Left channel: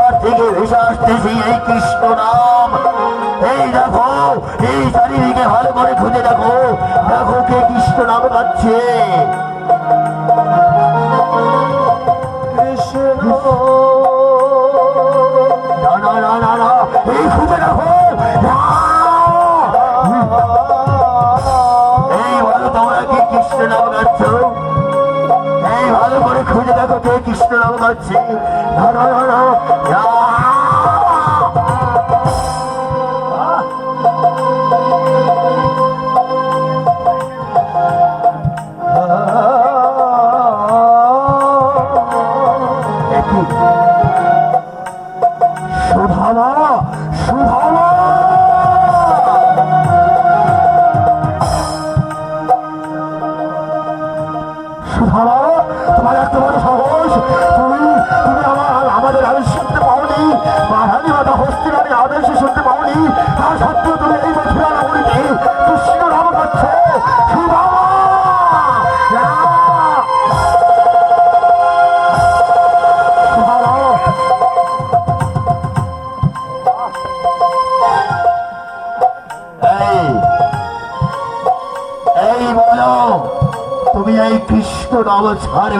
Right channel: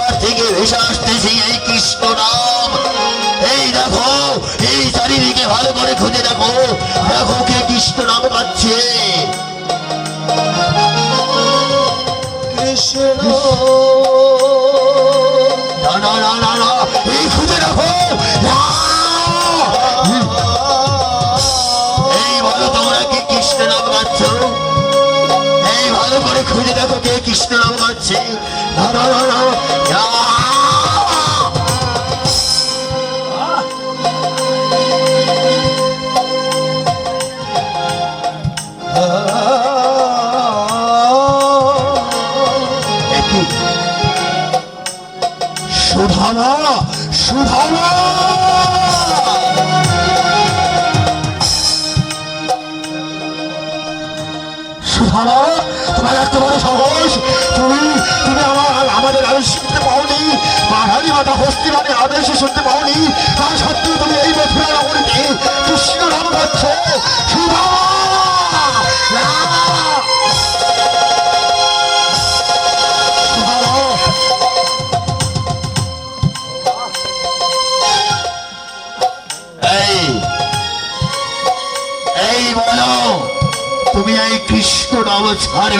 কোথার থেকে ভেসে আসতেছি এই কৃষ্ণ নাম। এই দেখো, এই চারিদিকে ভালো করে খুঁজে দেখো, দেখো কে কৃষ্ণ নাম গাচ্ছে। না না না না, এই খুঁজে দেখো। এই বলো তোমরা কে কৃষ্ণ নাম গাচ্ছ? এই ভালো করে খুঁজে দেখো কে কৃষ্ণ নাম গাচ্ছে। না না না না, সুধামা সুধামা, সুধামা তোমার এত বড় সাহস, তুমি তুমি আমাদের আদেশ শুনতে পাওনি, মাঝারি মাথা হস্তিরানি আদেশে শুনতে পাওনি, তা সত্ত্বেও তুমি এই মথুরা নগরীতে কৃষ্ণ নাম গাচ্ছ। সুধামা এই বলো, তুমি এই কৃষ্ণ নাম ছাড়ে